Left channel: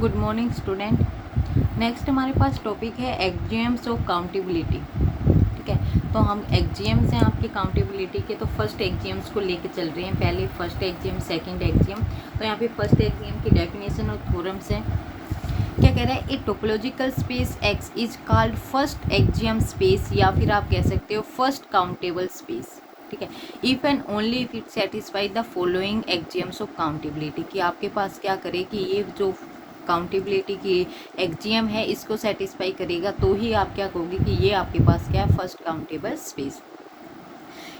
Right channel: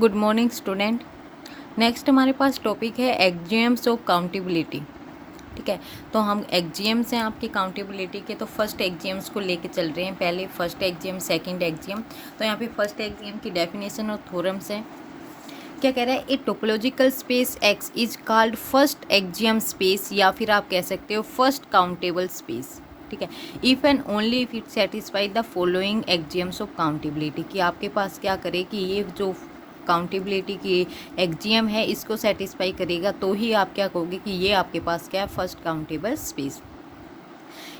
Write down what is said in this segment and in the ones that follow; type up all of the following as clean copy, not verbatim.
Good morning student. Next हमारे पास topic है एक्जियम्स of accountability. ठीक है, तो हम एक्जियम्स हैं आपकी काउंटेबिलिटी के, तो फर्स्ट एक्जियम्स को लेके चल रहे हैं। पहले फर्स्ट एक्जियम, सेकंड एक्जियम। तो यहाँ पे फर्स्ट एक्जियम की डेफिनेशन और थ्योरम्स हैं। क्या कह रहा है? A topological space x is called first axiom space, या फिर आप कह सकते हो फर्स्ट काउंटेबल स्पेस। ठीक है, if and only if it satisfy the following axioms of countability, कि आपके पास क्या करे कि ये जो काउंटेबिलिटी की एक्जियम है इसको सेटिस्फाई करेगा, तो ही आप क्या कहोगे कि ये आपके पास क्या है, फर्स्ट काउंटेबल स्पेस।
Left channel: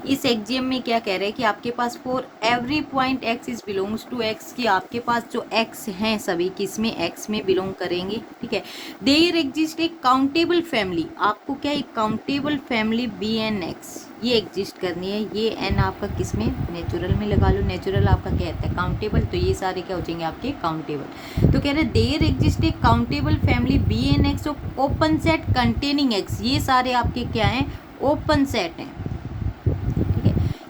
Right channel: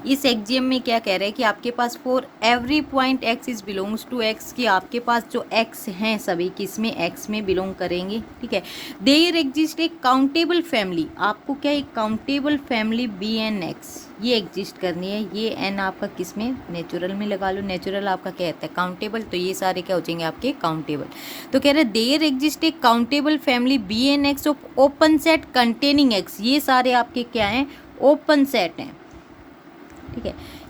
इस एक्जियम में क्या कह रहे हैं कि आपके पास for every point x is belongs to x, कि आपके पास जो एक्स हैं सभी किसमें, एक्स में बिलोंग करेंगे। ठीक है, देयर एग्जिस्ट एक काउंटेबल फैमिली, आपको क्या एक countable family B n x ये एग्जिस्ट करनी है। ये एन आपका किसमें, नेचुरल में लगा लो। नेचुरल आपका क्या कहता है, काउंटेबल, तो ये सारे क्या हो जाएंगे आपके काउंटेबल। तो कह रहे हैं देयर एग्जिस्ट एक countable family B n x of open set containing x, ये सारे आपके क्या हैं, ओपन सेट हैं।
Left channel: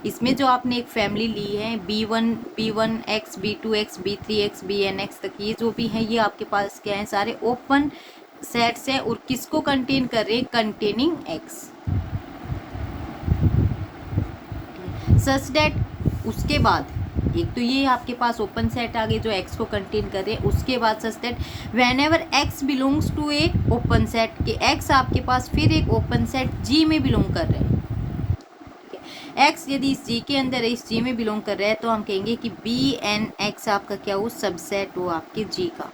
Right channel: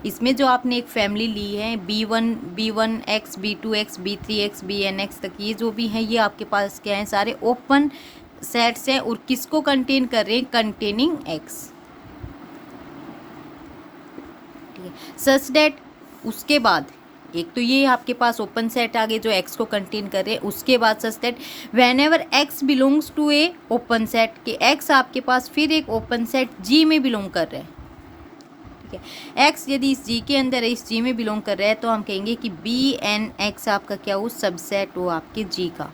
इसमें जो आपने एक फैमिली ली है B one x, B2x, B3x, BN x तक, ये जो भी है ये आपके पास क्या है, सारे ओपन सेट्स हैं। और किसको कंटेन कर रहे हैं, कंटेनिंग एक्स। सच दैट, उसके बाद एक तो ये आपके पास ओपन सेट आ गए जो एक्स को कंटेन कर रहे हैं। उसके बाद such that whenever x belongs to a open set, कि एक्स आपके पास फिर एक ओपन सेट जी में बिलोंग कर रहे हैं। एक्स यदि इस जी के अंदर है, इस जी में बिलोंग कर रहा है, तो हम कहेंगे कि बी एन एक्स आपका क्या हो, सबसेट हो आपके जी का,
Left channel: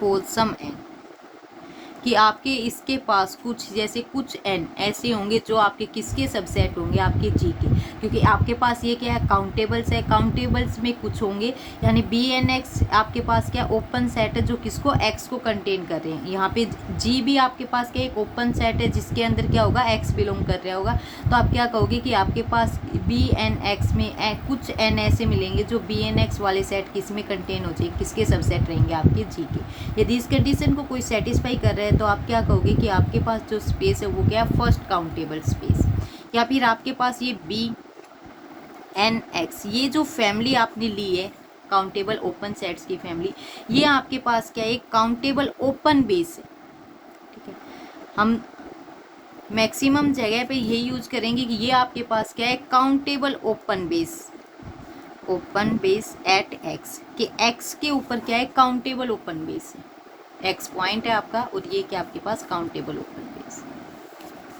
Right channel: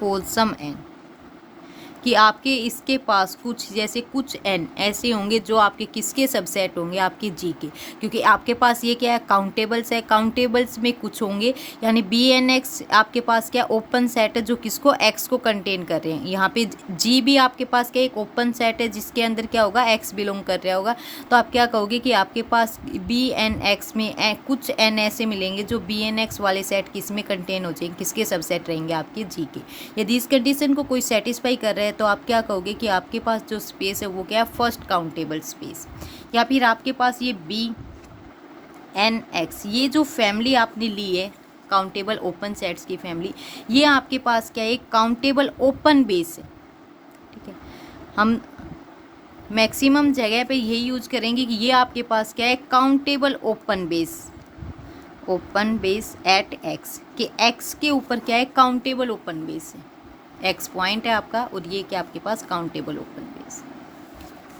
फॉर सम एन, कि आपके इसके पास कुछ जैसे कुछ एन ऐसे होंगे जो आपके किसके सबसेट होंगे, आपके जी के, क्योंकि आपके पास ये क्या है, काउंटेबल्स है। काउंटेबल्स में कुछ होंगे, यानी बी एन एक्स आपके पास क्या ओपन सेट है जो किसको, एक्स को कंटेन कर रहे हैं। यहाँ पे जी भी आपके पास क्या एक ओपन सेट है जिसके अंदर क्या होगा, एक्स बिलोंग कर रहा होगा। तो आप क्या कहोगे कि आपके पास बी एन एक्स में कुछ एन ऐसे मिलेंगे जो बी एन एक्स वाले सेट किस में कंटेन हो जाएंगे, किसके सबसेट रहेंगे, आपके जी के। यदि इस कंडीशन को कोई सेटिस्फाई कर रहा है तो आप क्या कहोगे कि आपके पास जो स्पेस है वो क्या है, फर्स्ट काउंटेबल स्पेस। या फिर आपके पास ये बी एन एक्स, ये जो फैमिली आपने ली है काउंटेबल ओपन सेट्स की फैमिली, ये आपके पास क्या है, काउंटेबल ओपन बेस है। ठीक है, हम मैक्सिमम जगह पे ये यूज करेंगे कि ये आपके पास क्या है, countable open base, open base at x, कि एक्स के ऊपर क्या है, काउंटेबल ओपन बेस है। एक्स पॉइंट है आपका, और ये क्या आपके पास काउंटेबल ओपन बेस।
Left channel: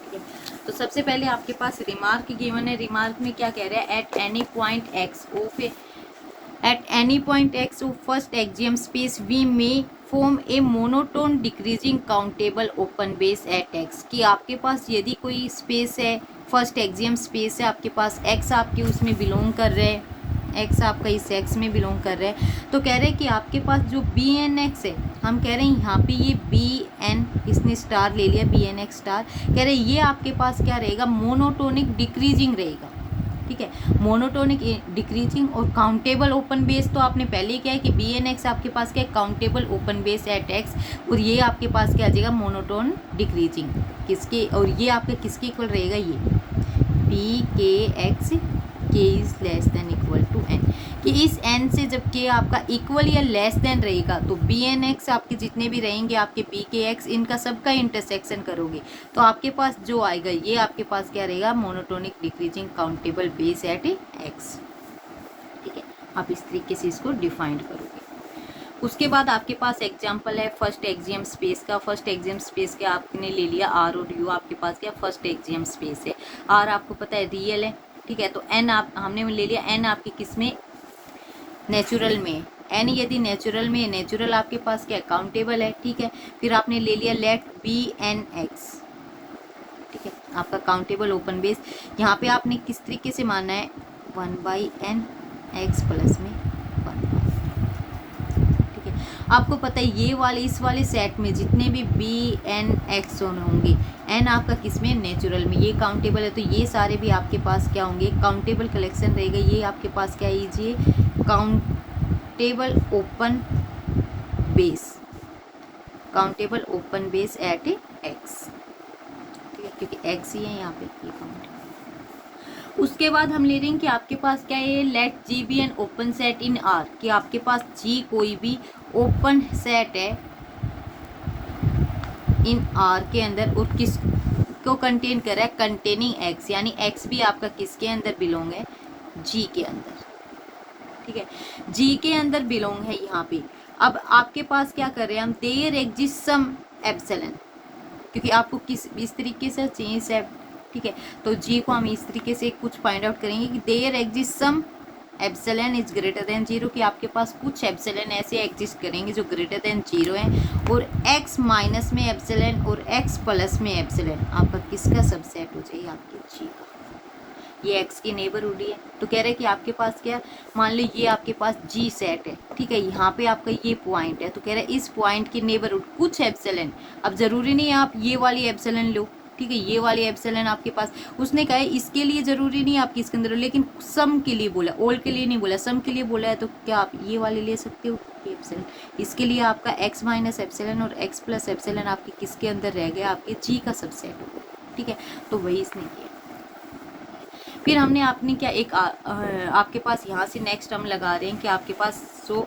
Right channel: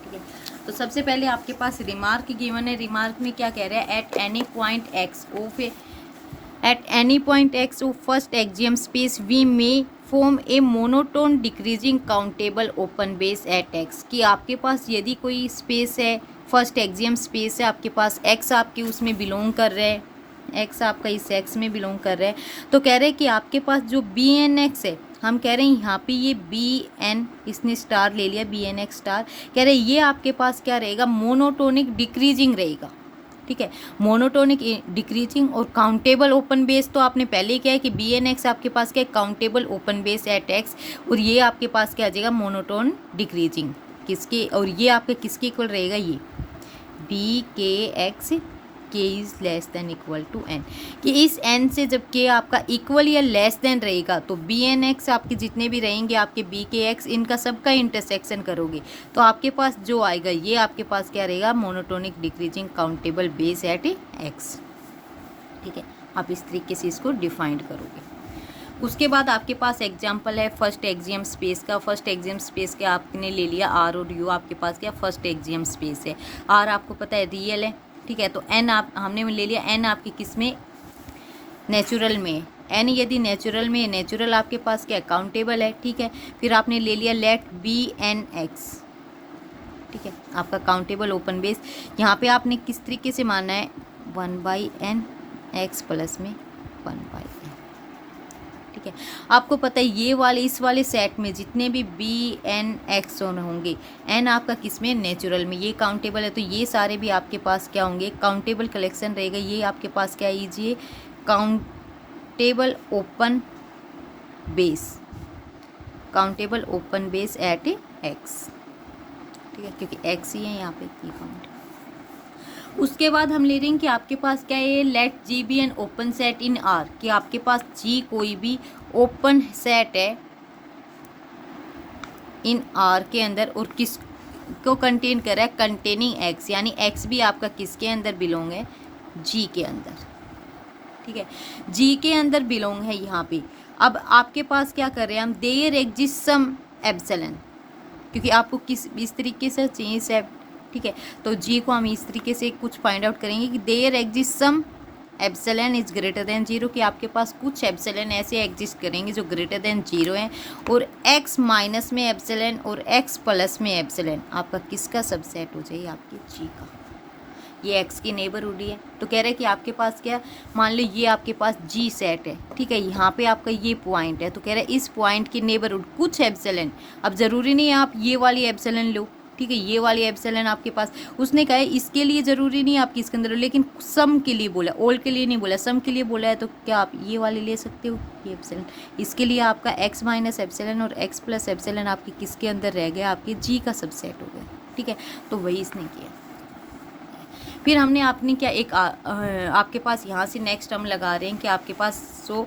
ठीक है, तो सबसे पहले आपके पास रिमार्क गिवन है। रिमार्क में क्या कह रहा है, at any point x of at any point x of first axiom space we may form a monotone decreasing countable open base at x, कि आपके पास यदि कोई स्पेस है, फर्स्ट एक्जियम स्पेस है आपके पास, एक्स आपके उसमें बिलोंग कर रहे हैं, एक्स आपका इस एक्स में बिलोंग कर रहा है, तो कह रहे हैं कि आपके पास जो बी एन एक्स है, हम कह रहे हैं यहाँ पे ये बी एन, इसने स्टार ले लिया, बी एन एक्स स्टार, कह रहे हैं ये आपके पास क्या रहेगा, मोनोटोनिक डिक्रीजिंग रहेगा। ठीक है, मोनोटोनिक डिक्रीजिंग। और काउंटेबल ओपन बेस तो आपने पहले क्या है कि बी एन एक्स आपके पास क्या है, countable open base at x, और ये आपके पास क्या आ जाएगा, मोनोटोन डिक्रीजिंग, किसके, और ये आपके किसके इक्वल रहेगा, ये P k x k is less than equal to n, कि इस एन से जब के आपका इक्वल या लेस देन रहेगा तो बी एन एक्स आपके जितने भी रहेंगे, आपके बी के एक्स, इनका सबका इंटरसेक्शन करोगे तो आपके पास जो आएगा ये आपके पास क्या रहेगा, monotonic decreasing countable base at x. ठीक है, आप इस तरीके से इसको डिफाइन करोगे। उसके बाद आपके पास एग्जाम्पल है फर्स्ट एक्जियम स्पेस का। फर्स्ट एक्जियम स्पेस के आपने ले लिया आर और यू, आपके पास क्या फर्स्ट एक्जियम स्पेस है। आर आपको पता है रियल है, ठीक है, तो एन आप हमने ले लिया, एन आपकी किस में, नेचुरल में। एन यदि नेचुरल में, नेचुरल आपके पास क्या काउंटेबल है। ठीक है, फिर आपने ले लिया लेट बी एन एक्स, ठीक है, आपका काउंटेबल ओपन बेस। यहाँ पे आपने किस तरीके से मानना है, 1/n x प्लस में 1/n। ठीक है, आपको पता है ये वाले इस वाले सेट में जितने भी बी एन एक्स होंगे, एन आपका किस में, नेचुरल में, ये काउंटेबल है, तो ये सारे भी आपके पास क्या होंगे, काउंटेबल कलेक्शन रहेगा। ये आपके पास क्या लीजिए, countable open base, countable open base at x. ठीक है, क्योंकि एक्स ही है यहाँ पे की पॉइंट। उसके बाद हम ले रहे हैं कि आपके पास क्या है, let G be an open set in R, कि आपके पास जी कोई भी ओपन सेट है इन आर के अंदर, और किस को कंटेन कर रहा है, कंटेनिंग एक्स, यानी एक्स भी आपका किसके अंदर बिलोंग है, जी के अंदर, ठीक है, जी के अंदर बिलोंग है यहाँ पे। अब आपके पास क्या कर रहे हैं हम, देयर एग्जिस्ट सम एप्सिलॉन, क्योंकि आपको किस इस तरीके से चाहिए से, ठीक है, तो जी को हम इस तरीके से कुछ फाइंड आउट करेंगे कि there exist some epsilon is greater than zero, कि आपके पास कुछ एप्सिलॉन ऐसे एग्जिस्ट करेंगे जो ग्रेटर देन जीरो हैं, और एक्स माइनस में एप्सिलॉन और एक्स प्लस में एप्सिलॉन आपका किसका सबसेट हो जाए, आपके जी का। ये एक्स की नेबरहुड है, तो कह रहे हैं कि आपके पास क्या, मान लो ये आपके पास जी सेट है, ठीक है, यहाँ पे आपका ये पॉइंट है, तो कह रहे हैं इस पॉइंट की नेबरहुड कुछ एप्सिलॉन, अब जरूरी नहीं है आप ये वाली एप्सिलॉन लो, ठीक है, ये वाली एप्सिलॉन आपके पास, उसने कहा है इसके लिए जरूरी नहीं है आप किसके अंदर, लेकिन सम के लिए बोला, ऑल के लिए नहीं बोला, सम के लिए बोला है, तो क्या आप ये वाले ले सकते हो, ये एप्सिलॉन, इसके लिए आपका एक्स माइनस एप्सिलॉन और एक्स प्लस एप्सिलॉन आपके किसके अंदर रह गया, आपके जी का सबसेट हो गया, ठीक है, तो वही इसने किया। फिर हमने आपने क्या एक आपके पास यहाँ से नेक्स्ट हम लगा रहे हैं कि आपके पास so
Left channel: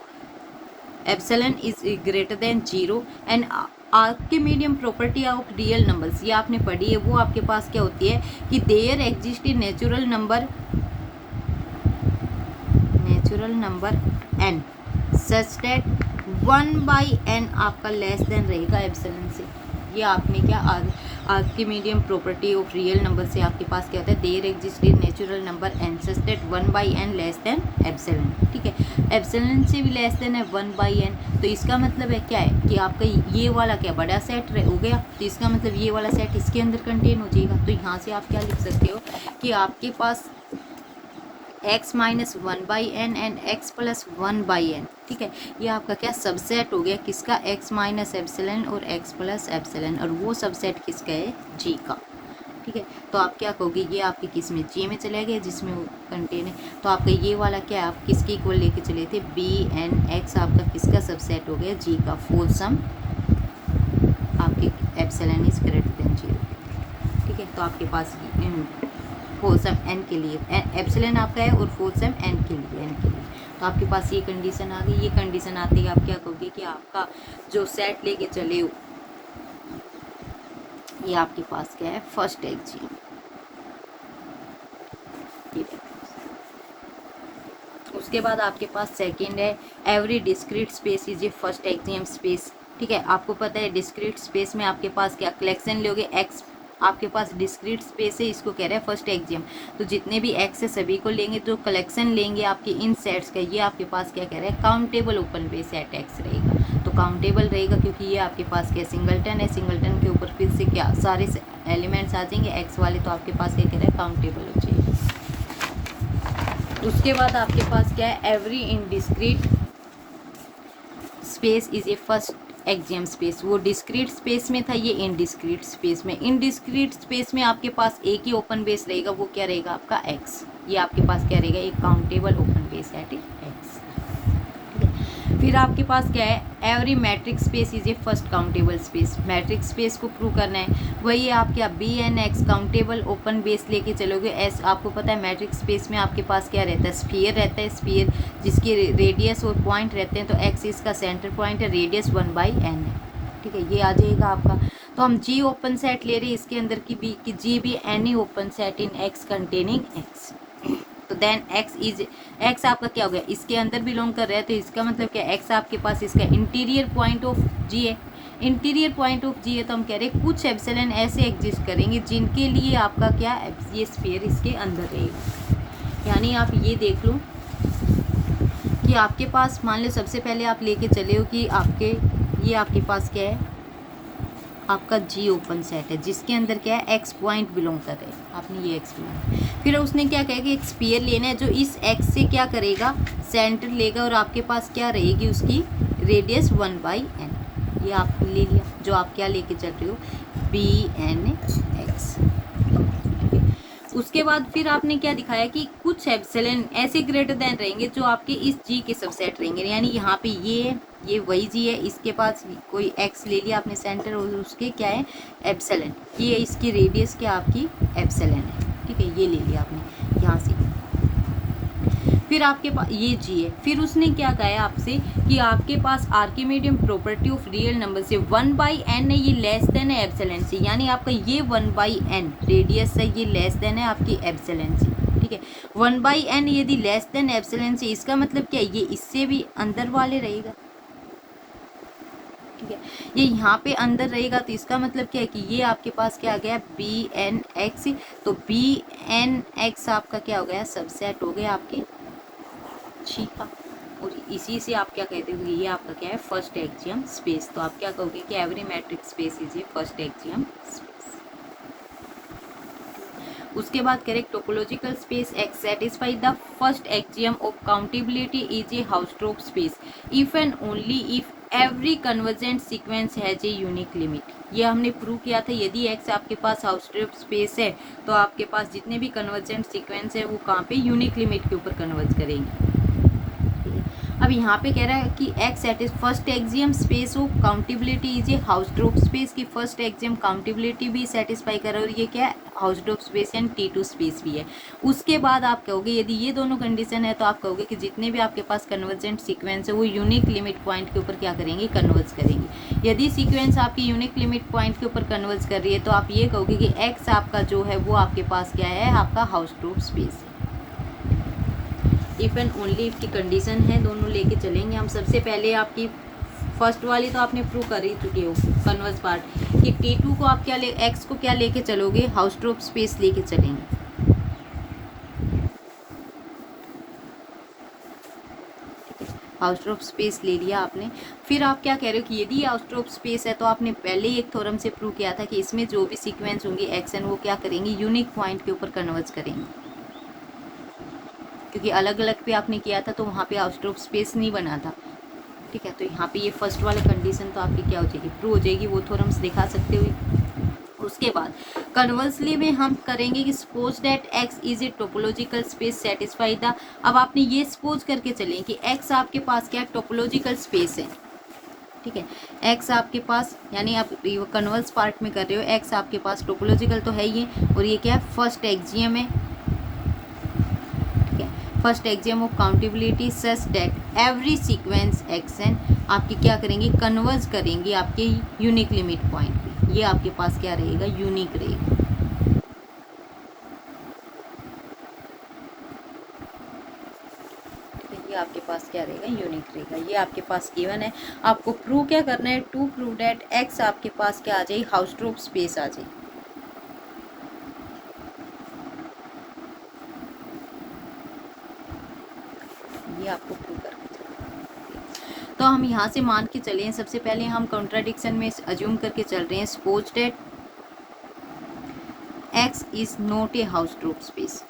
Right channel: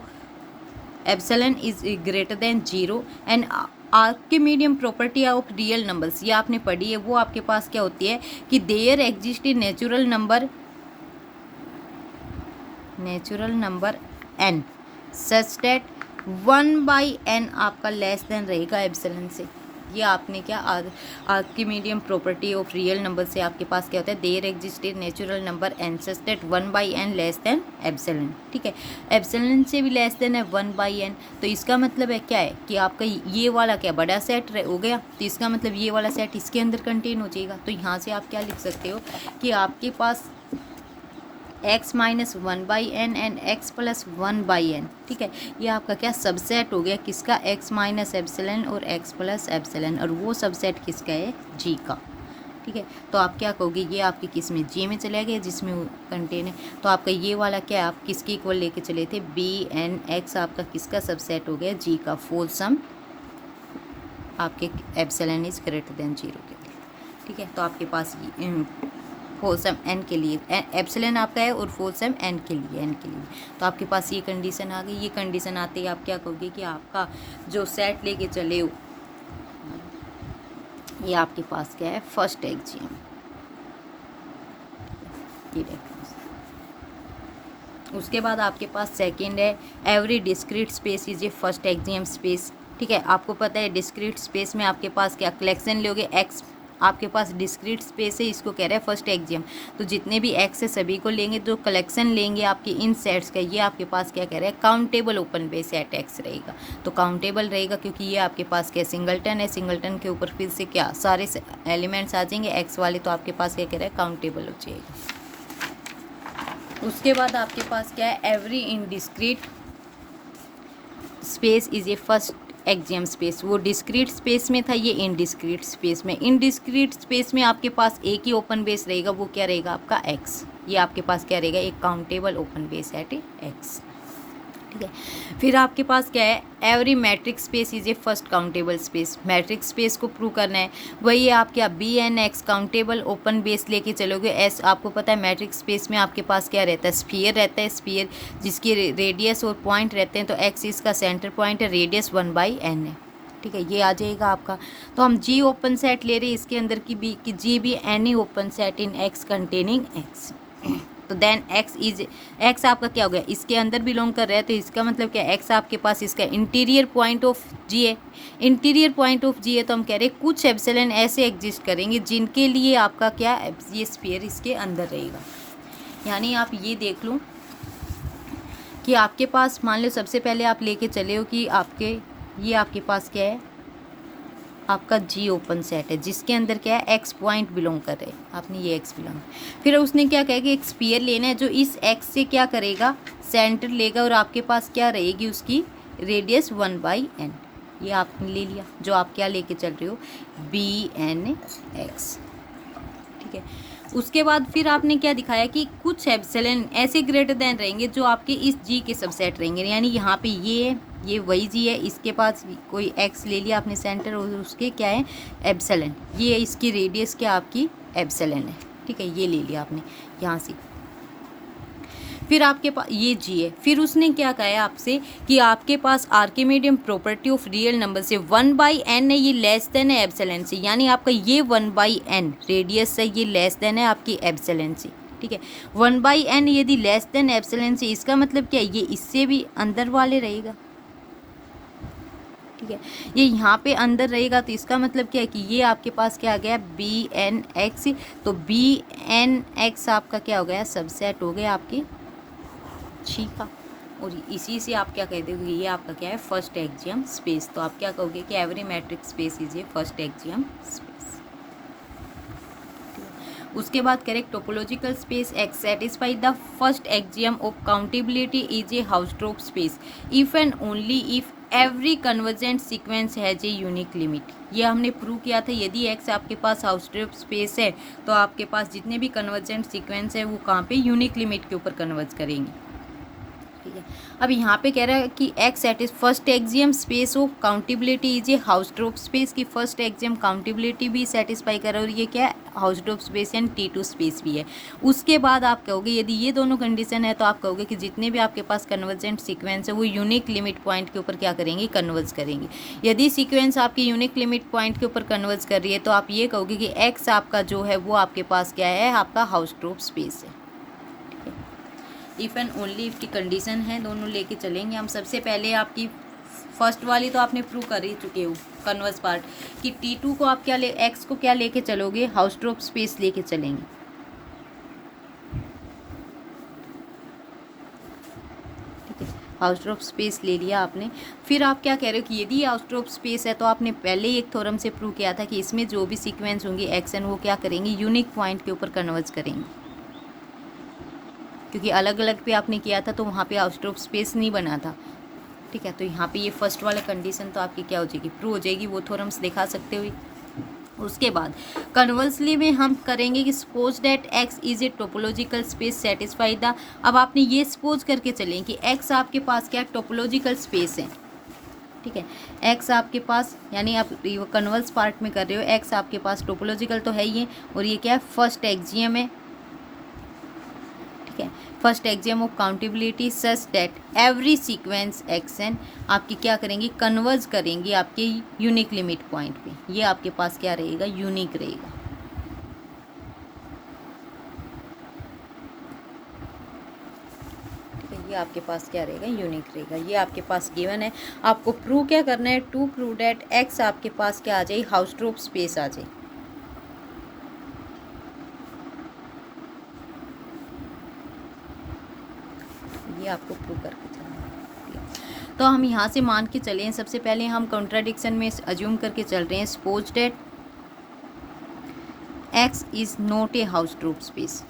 epsilon is greater than zero and आपके medium property of real numbers, ये आपने पढ़ी है, वो आपके पास क्या होती है कि there exist a natural number n such that 1/n आपका लेस देन रहेगा एप्सिलॉन से। ये आपने क्या आपके medium property of real number से आपके पास क्या होता है, there exist a natural number n such that 1/n less than epsilon, ठीक है, एप्सिलॉन से भी लेस देन है 1/n, तो इसका मतलब है क्या है कि आपका ये वाला क्या बड़ा सेट हो गया, तो इसका मतलब ये वाला सेट इसके अंदर कंटेन हो जाएगा। तो यहाँ से आप क्या लिख सकते हो कि आपके पास x minus 1/n and x plus 1/n, ठीक है, ये आपका क्या सबसेट हो गया किसका, x माइनस एप्सिलॉन और x प्लस एप्सिलॉन, और वो सबसेट किसका है, g का, ठीक है, तो आप क्या कहोगे, ये आपके किस में, g में चला गया जिसमें कंटेन है, तो आपका ये वाला क्या आप किसके इक्वल लेके चले थे, bn(x) आपका किसका सबसेट हो गया, g का, फुल सम आपके epsilon is greater than zero के लिए, ठीक है, तो आपके पास फुल सम n के लिए एप्सिलॉन आपका है और फुल सम n के लिए, तो आपके पास ये कंडीशन आ गई। ये कंडीशन आते ही आप क्या कहोगे कि आपका जो सेट लेके चले हो ये आपके पास क्या है, फर्स्ट एक्सियम, उसके बाद आपके पास सेकंड है every discrete space is a first axiom space, ठीक है, आपको पता है डिस्क्रीट स्पेस में आपके पास क्या कलेक्शन लोगे, एक्स आपके पास डिस्क्रीट स्पेस है, इसको कह रहे हैं फर्स्ट एक्सियम, तो जितने भी एक्स है सभी को लेंगे, जो कलेक्शन लेंगे आपके इन सेट्स का, ये आपके पास क्या कह रहे हैं, countable open base set x रहेगा, तो काउंटेबल रहेगा क्योंकि ये आपके पास क्या सिंगलटन है, सिंगलटन के ऊपर फिर से क्या सारे एलिमेंट्स आ जाएंगे एक्स वाले, तो आपके पास क्या कह रहे हैं, काउंटेबल हो जाएगी। उसके बाद आपके पास क्या है, every indiscrete space is a first axiom space, वो डिस्क्रीट स्पेस में था, ये इनडिस्क्रीट स्पेस में, इनडिस्क्रीट स्पेस में आपके पास एक ही ओपन बेस रहेगा, वो क्या रहेगा आपका एक्स, ये आपके पास क्या रहेगा, एक countable open base set x, ठीक है। फिर आपके पास क्या है, every metrics space is a first countable space, matrix space को प्रूव करना है, वही आप क्या bn(x) काउंटेबल ओपन बेस लेके चलोगे, एस आपको पता है मैट्रिक्स स्पेस में आपके पास क्या रहता है, स्फीयर रहता है, स्फीयर जिसकी रेडियस और पॉइंट रहते हैं, तो x इसका सेंटर पॉइंट है, रेडियस 1/n है, ठीक है, ये आ जाएगा आपका। तो हम जी ओपन सेट ले रहे हैं इसके अंदर की भी कि जी भी एनी ओपन सेट इन x कंटेनिंग x, तो देन x आपका क्या हो गया, इसके अंदर बिलोंग कर रहा है, तो इसका मतलब क्या, x आपके पास इसका इंटीरियर पॉइंट ऑफ g है, इंटीरियर पॉइंट ऑफ g है, तो हम कह रहे हैं कुछ एप्सिलॉन ऐसे एग्जिस्ट करेंगे जिनके लिए आपका क्या ये स्फीयर इसके अंदर रहेगा। यानी आप ये देख लो कि आपके पास मान लो सबसे पहले आप लेके चले हो कि ये आपके पास क्या है, आपका जी ओपन सेट है जिसके अंदर क्या है, एक्स पॉइंट बिलोंग कर रहे हैं, आपने ये एक्स बिलोंग, फिर उसने क्या कहा कि एक स्फीयर लेना है जो इस एक्स से क्या करेगा, सेंटर लेगा, और आपके पास क्या रहेगी उसकी रेडियस 1/n, ये आपने ले लिया, जो आप क्या लेके चल रहे हो, bn(x), ठीक है। उसके बाद फिर आपने क्या दिखाया कि कुछ एप्सिलॉन ऐसे ग्रेटर देन रहेंगे जो आपके इस जी के सबसेट रहेंगे, यानी यहाँ पे ये वही जी है, इसके पास कोई एक्स ले लिया आपने सेंटर, और उसके क्या है एप्सिलॉन, ये इसकी रेडियस क्या आपकी एप्सिलॉन है, ठीक है, ये ले लिया आपने यहाँ से। फिर आपके पास ये जी है, फिर उसने क्या कहा है आपसे कि आपके पास Archimedean property of real number से 1/n है, ये लेस देन है एप्सिलॉन से, यानी आपका ये 1/n रेडियस है, ये लेस देन है आपकी एप्सिलॉन से, ठीक है। 1/n यदि लेस देन एप्सिलॉन से, इसका मतलब क्या है, ये इससे भी अंदर वाले रहेगा, ठीक है। ये यहाँ पे अंदर रहेगा तो इसका मतलब क्या है कि ये आपके पास क्या आ गया bn(x), तो bn(x) आपका क्या हो गया, सबसेट हो गया आपके जी का, और इसी से आप क्या कहते हो, ये आपका क्या है फर्स्ट एक्जियम स्पेस। तो आप क्या कहोगे कि every metrics space is a first axiom space. उसके बाद correct topological space x satisfy the first axiom of countability is a Hausdorff space if and only if every convergent sequence has a unique limit. ये हमने prove किया था, यदि x आपके पास हाउसट्रोप space है तो आपके पास जितने भी कन्वर्जेंट सीक्वेंस है वो कहाँ पे यूनिक लिमिट के ऊपर कन्वर्ज करेंगे। अब यहाँ पे कह रहा है कि x at is first axiom space of countability is a Hausdorff space की फर्स्ट एक्जियम काउंटेबिलिटी भी सेटिस्फाई कर रहा है और ये क्या है हाउसट्रोप स्पेस एंड T2 स्पेस भी है। उसके बाद आप कहोगे यदि ये दोनों कंडीशन है तो आप कहोगे कि जितने भी आपके पास कन्वर्जेंट सीक्वेंस है वो यूनिक लिमिट पॉइंट के ऊपर क्या करेंगे, कन्वर्ज करेंगे। यदि सीक्वेंस आपकी यूनिक लिमिट पॉइंट के ऊपर कन्वर्ज कर रही है तो आप ये कहोगे कि एक्स आपका जो है वो आपके पास क्या है, आपका हाउसट्रोप स्पेस है। इफ एंड ओनली इफ की कंडीशन है, दोनों लेके चलेंगे हम। सबसे पहले आपकी फर्स्ट वाली तो आपने प्रूव कर ही चुके हो कन्वर्स पार्ट कि T2 को आप क्या ले, एक्स को क्या लेके चलोगे, हाउसट्रोप स्पेस लेके चलेंगे, ठीक है। हाउसट्रोप स्पेस ले लिया आपने, फिर आप क्या कह रहे हो कि यदि हाउसट्रोप स्पेस है तो आपने पहले ही एक थ्योरम से प्रूव किया था कि इसमें जो भी सीक्वेंस होंगे एक्स एन वो क्या करेंगे, यूनिक पॉइंट के ऊपर कन्वर्ज करेंगे, क्योंकि अलग अलग पे आपने किया था तो वहाँ पे हाउसट्रोप स्पेस नहीं बना था, ठीक है। तो यहाँ पे ये फर्स्ट वाले कंडीशन तो आपकी क्या हो जाएगी, प्रूव हो जाएगी, वो थ्योरम्स दिखा सकते हो। उसके बाद कन्वर्सली में हम करेंगे कि suppose that x is a topological space satisfy the, अब आपने ये सपोज करके चलें कि एक्स आपके पास क्या टोपोलॉजिकल स्पेस है, ठीक है। एक्स आपके पास यानी आप कन्वर्स पार्ट में कर रहे हो, एक्स आपके पास टोपोलॉजिकल तो है ही है और ये क्या फर्स्ट एक्जियम है, ठीक है। First axiom of countability such that every sequence x n आपकी क्या करेंगे, कन्वर्ज करेंगे आपके यूनिक लिमिट पॉइंट पे, ये आपके पास क्या रहेगा, यूनिक रहेगा, ये आपके पास क्या रहेगा, यूनिक रहेगा। ये आपके पास गिवन है, आपको प्रूव क्या करना है, टू प्रूव दैट एक्स आपके पास क्या आ जाए, हाउसट्रोप स्पेस आ जाए, ये आपको प्रूव करके चलना। तो हम यहाँ से मान के चले हैं, सबसे पहले हम कॉन्ट्राडिक्शन में अज्यूम करके चल रहे हैं, suppose that x is not a Hausdorff space.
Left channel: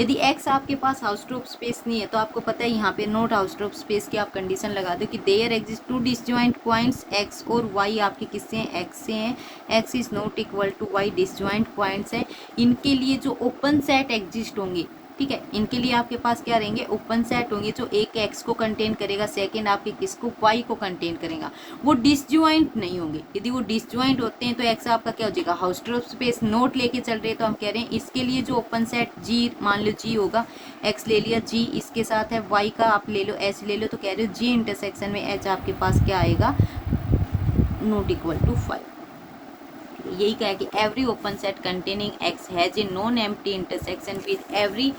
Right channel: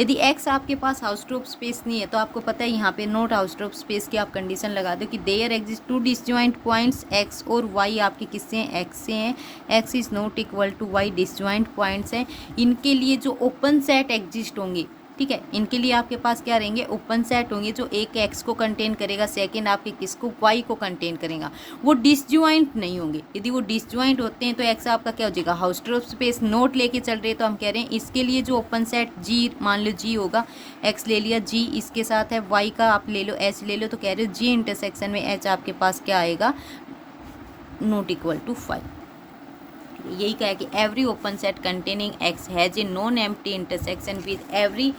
यदि एक्स आपके पास हाउसट्रोप स्पेस नहीं है तो आपको पता है यहाँ पे नॉट हाउसट्रोप स्पेस की आप कंडीशन लगा दो कि there exist two disjoint points x और वाई आपके किससे हैं, एक्स से हैं, x is not equal to y, disjoint points है, इनके लिए जो ओपन सेट एग्जिस्ट होंगे, ठीक है, इनके लिए आपके पास क्या रहेंगे, ओपन सेट होंगे, जो एक एक्स को कंटेन करेगा, सेकंड आपके किसको, वाई को कंटेन करेगा, वो डिसजॉइंट नहीं होंगे। यदि वो डिसजॉइंट होते हैं तो एक्स आपका क्या हो जाएगा, हाउसट्रोप स्पेस नोट लेके चल रहे हैं तो हम कह रहे हैं इसके लिए जो ओपन सेट जी, मान लो जी होगा, एक्स ले लिया, जी इसके साथ है, वाई का आप ले लो, एच ले लो, तो कह रहे हो जी इंटरसेक्शन में एच आपके पास क्या आएगा, नॉट इक्वल टू 5। यही कहा है कि every open set containing X has a non empty intersection with every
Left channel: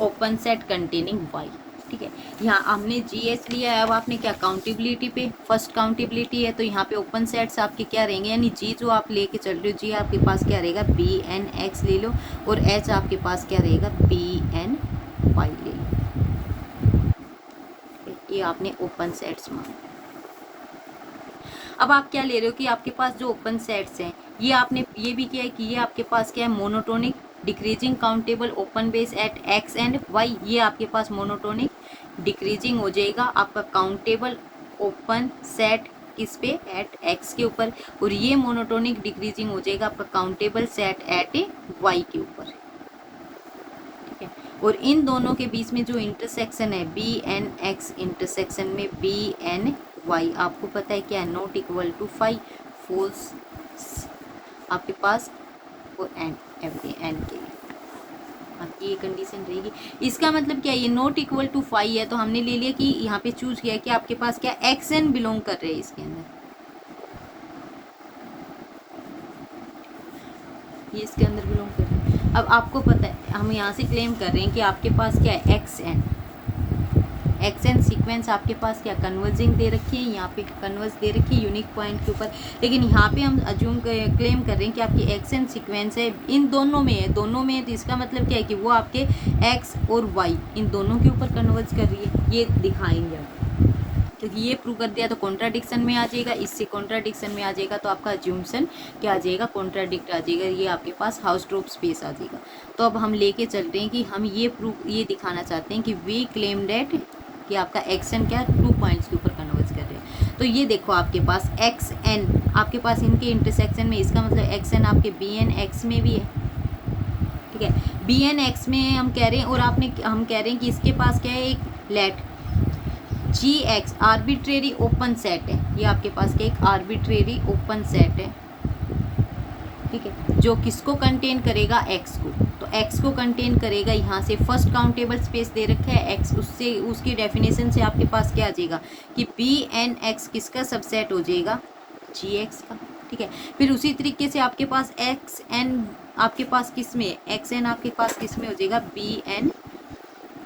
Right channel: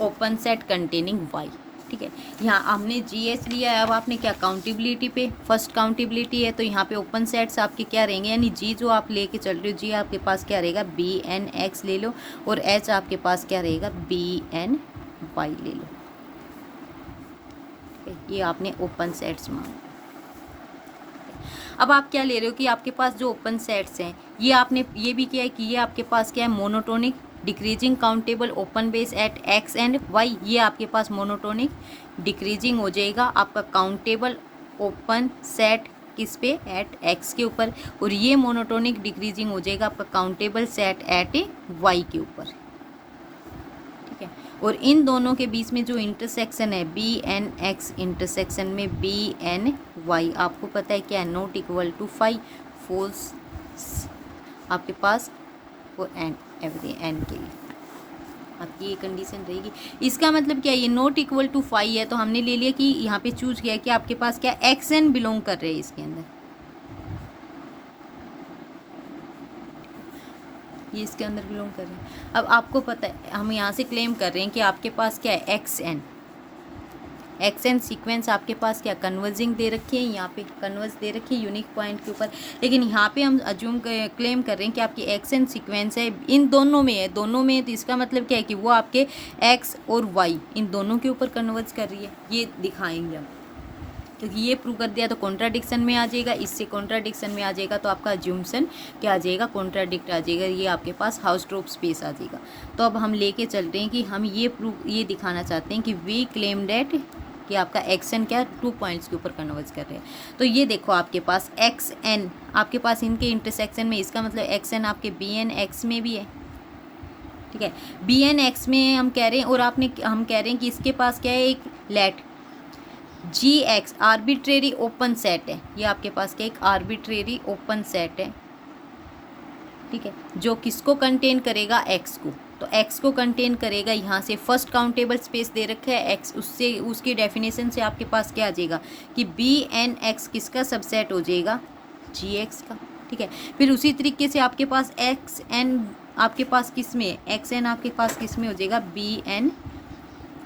open set containing Y, ठीक है। यहाँ हमने जी एच लिया है, अब आपने क्या काउंटेबिलिटी पे, फर्स्ट काउंटेबिलिटी है तो यहाँ पे ओपन सेट्स आपके क्या रहेंगे, यानी जी जो आप लेके चल रहे हो, जी आपके पास क्या रहेगा, बी एन एक्स ले लो, और एच आपके पास क्या रहेगा, बी एन वाई ले लो, ये आपने ओपन सेट्स में। अब आप क्या ले रहे हो कि आपके पास जो ओपन सेट्स हैं, ये आपने ये भी किया है कि ये आपके पास क्या है, monotonic decreasing countable open base at X and Y, ये आपके पास मोनोटोनिक डिक्रीजिंग हो जाएगा आपका काउंटेबल ओपन सेट किस पे, एट एक्स के ऊपर, और ये मोनोटोनिक डिक्रीजिंग हो जाएगा आपका काउंटेबल सेट एट वाई के ऊपर, ठीक है। और इन दोनों के बीच में जो इंटरसेक्शन है, बी एन एक्स इंटरसेक्शन में बी एन वाई, आपको पता है क्या, नॉट इक्वल टू 5, फॉल्स आपके पास, और एन एवरी एन के लिए, आपकी ये कंडीशन रहेगी। इसका मतलब क्या है, ये नॉट इक्वल टू 5 है तो हमने ले लिया कि यहाँ पे चूज किया कि आपके पास क्या एक्स एन बिलोंग कर रहे हैं इसके अंदर, ये इसके अंदर बिलोंग कर रहे हैं। अब आपको पता है हम यहाँ से क्लेम कर रहे हैं कि आपके पास क्या है एक्स एन सीक्वेंस आपके पास क्या कन्वर्जिंग दे रखी है, यहाँ पे कन्वर्स दे रखी है यूनिक पॉइंट के ऊपर, लेकिन यहाँ पे हम अज्यूम क्लेम कर रहे हैं कि आपकी एक्स एन सीक्वेंस है इन दोनों में है, दोनों में है, तो इसका मतलब क्या है कि वो आपके एक्स और वाई इन दोनों के ऊपर कन्वर्ज कर रही है, ये दिखाएंगे हम। क्योंकि ये प्रूव कर दिया तो कॉन्ट्राडिक्शन में आ जाएगा, इससे कॉन्ट्राडिक्शन में आ जाएगा तो आपका अज्यूमसन क्या आ जाएगा, कॉन्ट्राडिक्ट आ जाएगा, ये आपके पास हाउसट्रोप स्पेस आ जाएगा। तो अब हम लेके चल रहे हैं कि हम ये दिखाना चाहते हैं कि वी क्लेम डेट कि आपका एक्स एन क्या 2 पॉइंट्स के ऊपर कन्वर्ज कर रहे हैं। तो ये देखो आपके पास एक्स एन आपके पास इनके इंटरसेक्शन में, इसका मतलब एक्स एन आपके बी एन एक्स में भी है, ठीक है, बी एन एक्स में हम कह रहे हैं, और हम कह रहे हैं कि इसके पास क्या है, एक लेट जी एक्स आर्बिट्रेरी ओपन सेट है, ये आपके पास क्या एक आर्बिट्रेरी ओपन सेट है, ठीक है, जो किसको कंटेन करेगा, एक्स को। तो एक्स को कंटेन करेगा, यहाँ से फर्स्ट काउंटेबल स्पेस दे रखा है एक्स, उससे उसकी डेफिनेशन से आपके पास क्या आ जाएगा कि बी एन एक्स किसका सबसेट हो जाएगा, जी एक्स का, ठीक है। फिर उसी तरीके से आपके पास एक्स एन आपके पास किस में, एक्स एन आपके पास किस में हो जाएगा, बी एन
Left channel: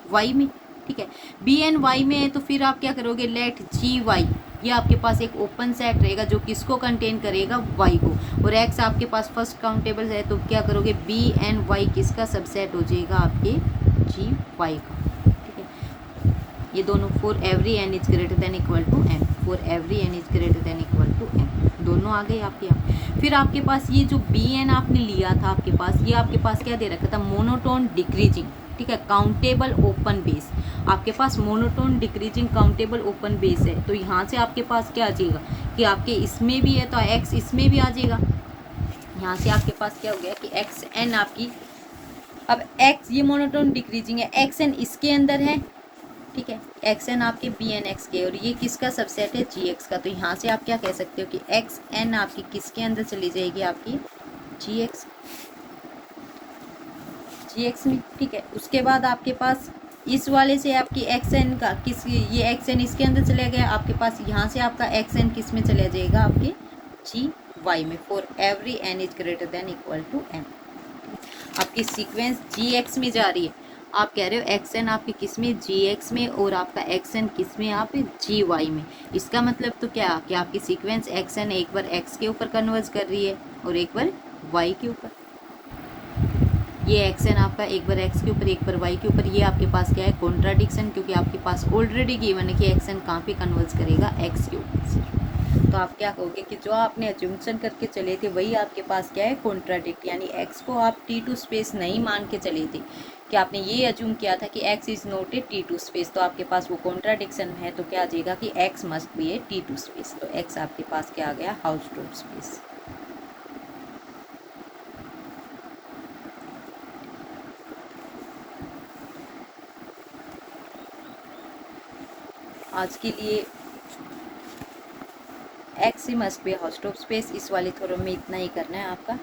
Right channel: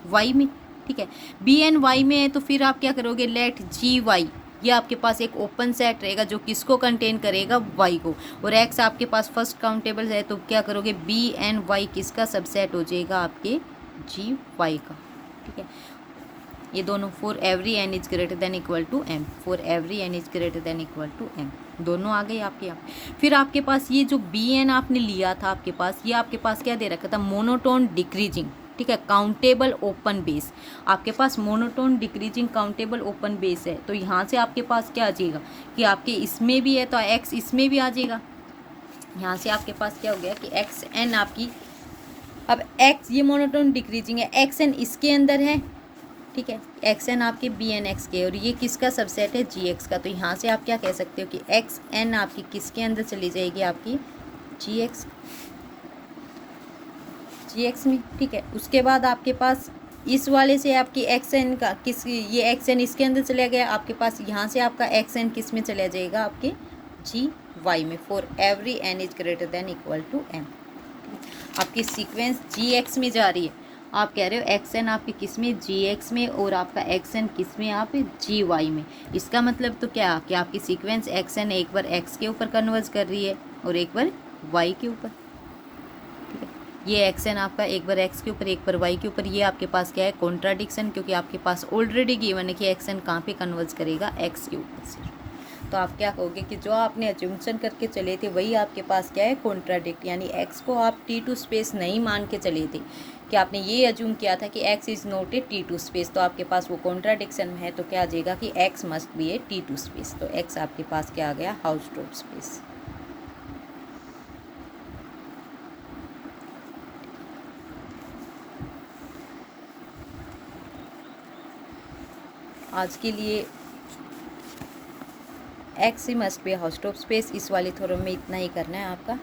वाई में, ठीक है। बी एन वाई में है तो फिर आप क्या करोगे, लेट जी वाई, ये आपके पास एक ओपन सेट रहेगा जो किसको कंटेन करेगा, वाई को, और एक्स आपके पास फर्स्ट काउंटेबल है तो क्या करोगे, बी एन वाई किसका सबसेट हो जाएगा, आपके जी वाई का, ठीक है। ये दोनों for every N is greater than equal to M, for every N is greater than equal to M, दोनों आ गए आपके यहाँ। फिर आपके पास ये जो बी एन आपने लिया था आपके पास, ये आपके पास क्या दे रखा था, मोनोटोन डिक्रीजिंग, ठीक है, काउंटेबल ओपन बेस, आपके पास monotone decreasing countable open base है, तो यहाँ से आपके पास क्या आ जाएगा कि आपके इसमें भी है तो एक्स इसमें भी आ जाएगा, यहाँ से आपके पास क्या हो गया कि एक्स एन आपकी, अब एक्स ये मोनोटोन डिक्रीजिंग है, एक्स एन इसके अंदर है, ठीक है, एक्स एन आपके बी एन एक्स के, और ये किसका सबसेट है, जी एक्स का, तो यहाँ से आप क्या कह सकते हो कि एक्स एन आपकी किसके अंदर चली जाएगी, आपकी जी एक्स में, ठीक है। उसके बाद आपके पास इस वाले से आपकी एक्स एन का किस, ये एक्स एन इसके अंदर चला गया, आपके पास यहाँ से आपका एक्स एन किस में चला जाएगा, आपके जी वाई में, for every N is greater than equal to M. आपकी सीक्वेंस जी एक्स में जा रही है, आप कह रहे हो एक्स एन आपके किस में, जी एक्स में, और आपका एक्स एन किस में, आप जी वाई में। इसका मतलब तो क्या कि आपकी सीक्वेंस एक्स एन एक बार एक्स के ऊपर कन्वर्ज कर रही है और एक बार वाई के ऊपर, ये एक्स एन आपका एक बार एक्स के ऊपर एक बार वाई के ऊपर, ये आपके पास क्या है, कॉन्ट्राडिक्शन, क्योंकि आपके पास ऑलरेडी गिवन है कि एक्स एन कहाँ पे कन्वर्ज करेगा, एक्स के ऊपर से। तो आप क्या कहोगे कि जो आपने अज्यूमशन करके चले थे वही आपके पास क्या है, कॉन्ट्राडिक्ट, यानी एक्स को आप T2 स्पेस नहीं मान के चले थे, कि आपने ये अज्यूम किया था कि x is not a T2 space, तो आपके पास वो कॉन्ट्राडिक्शन में है, तो क्या आ जाएगा कि x must be A T2 space, तो एक्स आपके पास क्या आ गया, हाउसट्रोप स्पेस। आज के लिए एक्स ही मस्ट बी हाउसट्रोप स्पेस, इस वाले थ्योरम में इतना ही करना है आपका।